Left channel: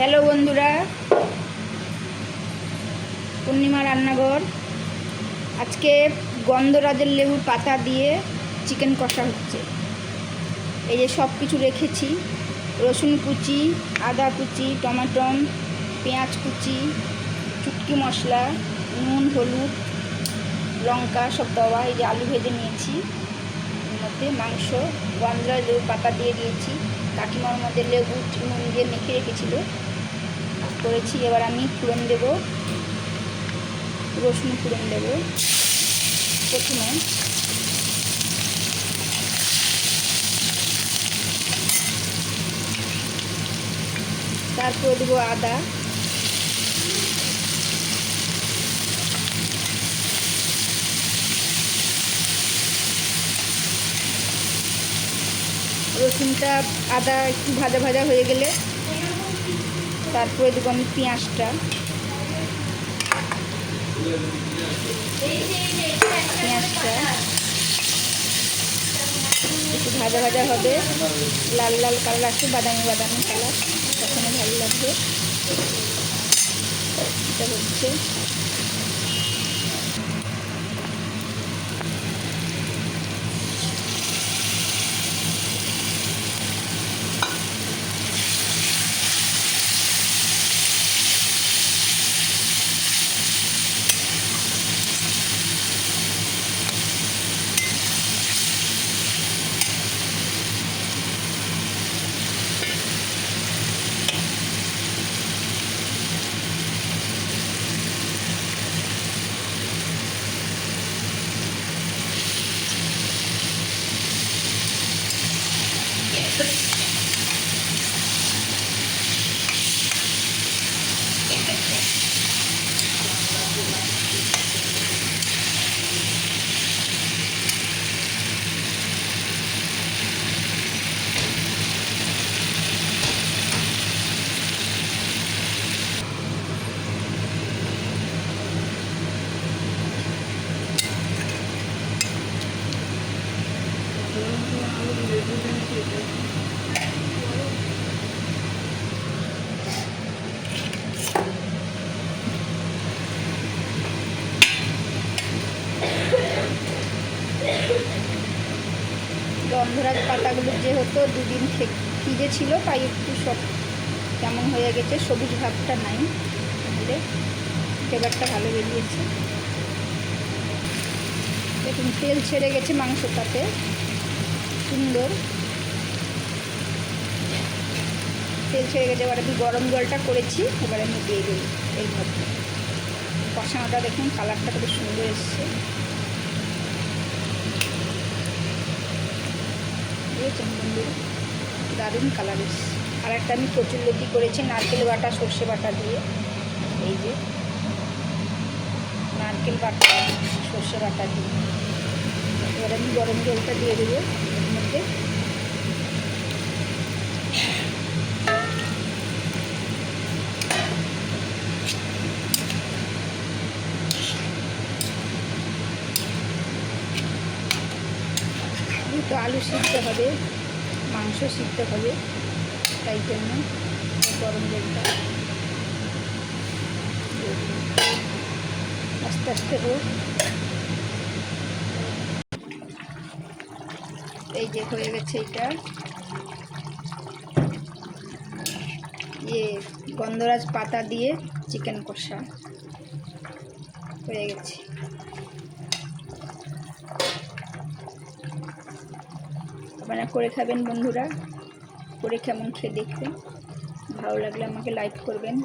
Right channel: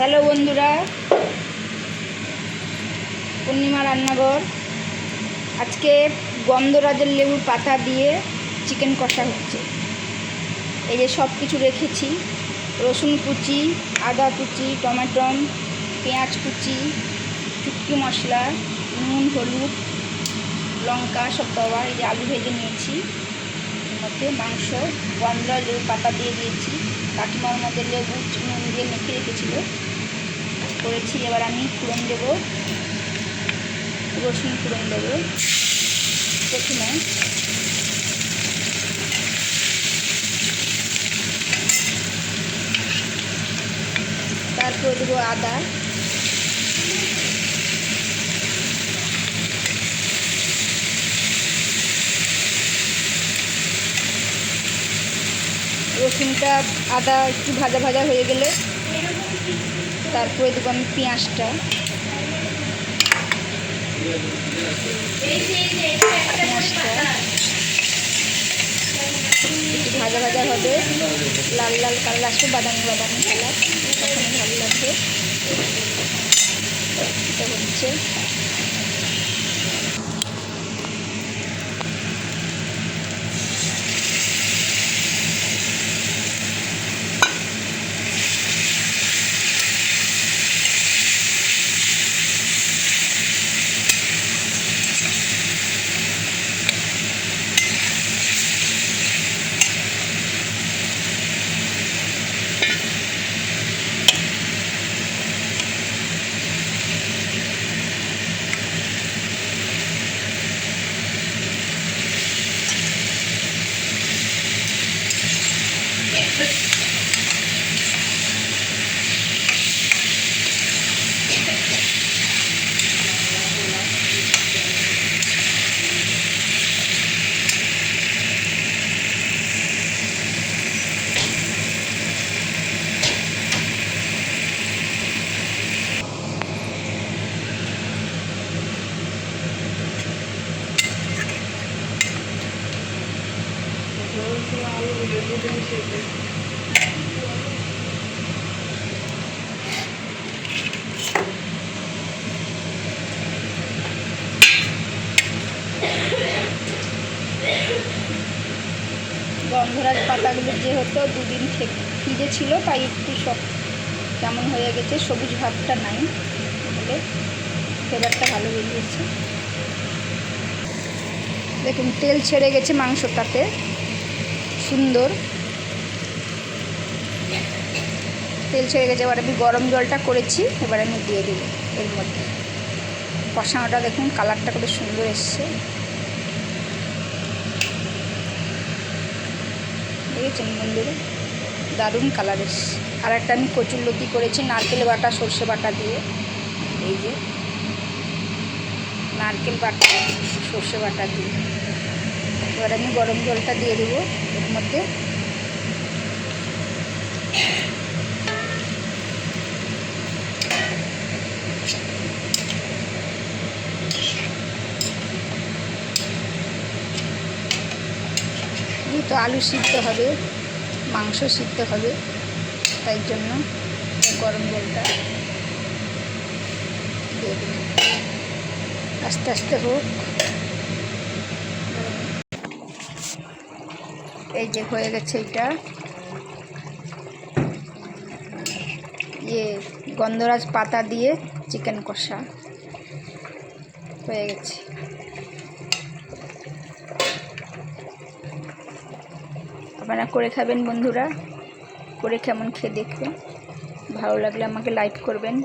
Hello বন্ধুরা, পূর্ণিমা রান্নাঘর। আজকে গন্ধরাজের লেবুর পাতা দিয়ে চিকেন কষা হচ্ছে। এই যে সব কিছু রেখেছি: রসুন কুচি, আদা কুচি, টমেটো, পেঁয়াজ কুচি, চুটকি মশলা, নুন, হলুদ, লঙ্কা সব দেওয়া। এই যে আলু ভেজে নিয়েছি, এর মধ্যে মাংস, গন্ধরাজ লেবুর পাতা দিয়ে দিয়েছি। কাকিমার মধ্যে লেবু নুন দিয়ে মেখে রেখেছিল, করেছি। এবার আমি ফোড়ন দেবো, রসুন ফোড়ন দেবো প্রথমে। তারপরে দেবো আদা, রসুনটা আদা একটু ভাজা ভাজা হয়ে গেলে তারপরে দেবো আমি পেঁয়াজটা। একটু ভাজা ভাজা হবে, লাল লাল কালার আসবে, বাদামি বাদামি কালার, তখনই ভালো লাগবে। এটা হচ্ছে গন্ধরাজ পাতাগুলো যেহেতু দুদিন ভিজে ছিল, তাই একটু সব কেমন হয়ে গেছে, সবুজ ভাবটা নাই, তাহলে ফ্লেভারটা ভালো বেরিয়েছে। দেখুন তেল ছেড়ে গেছে মাংসটাতে, সুন্দর তেল ছেড়ে গেছে। এবার আমি গরম জলটা করেছি, এবার আমি দিয়ে দেবো এর মধ্যে। কষানোটা দেখুন কালারটা কত সুন্দর এসছে, দেখেছেন বন্ধুরা, দারুণ কালার এসছে। আর একটা আমি কচুরলতি করেছি নারকেল বাটা সর্ষে বাটা দিয়ে। এই যে নারকেল বাটা সর্ষে বাটা দিয়ে। এবার আমি গরম জলটা দিয়ে দেবো এর মধ্যে। তো আলু সিদ্ধ হবে, মাংস সিদ্ধ হবে, তাই জন্য গরম জলটা দিয়ে দিই। আস্তে আস্তে হোক। এই যে হয়ে গেছে, এটা গন্ধরাজ পাতা দিয়ে চিকেন কষা হয়ে গেছে। আপনারা করে খাবেন বন্ধুরা, করে কেমন খেয়ে দেখবেন। ভালো লাগলে আমাকে লাইক করবেন।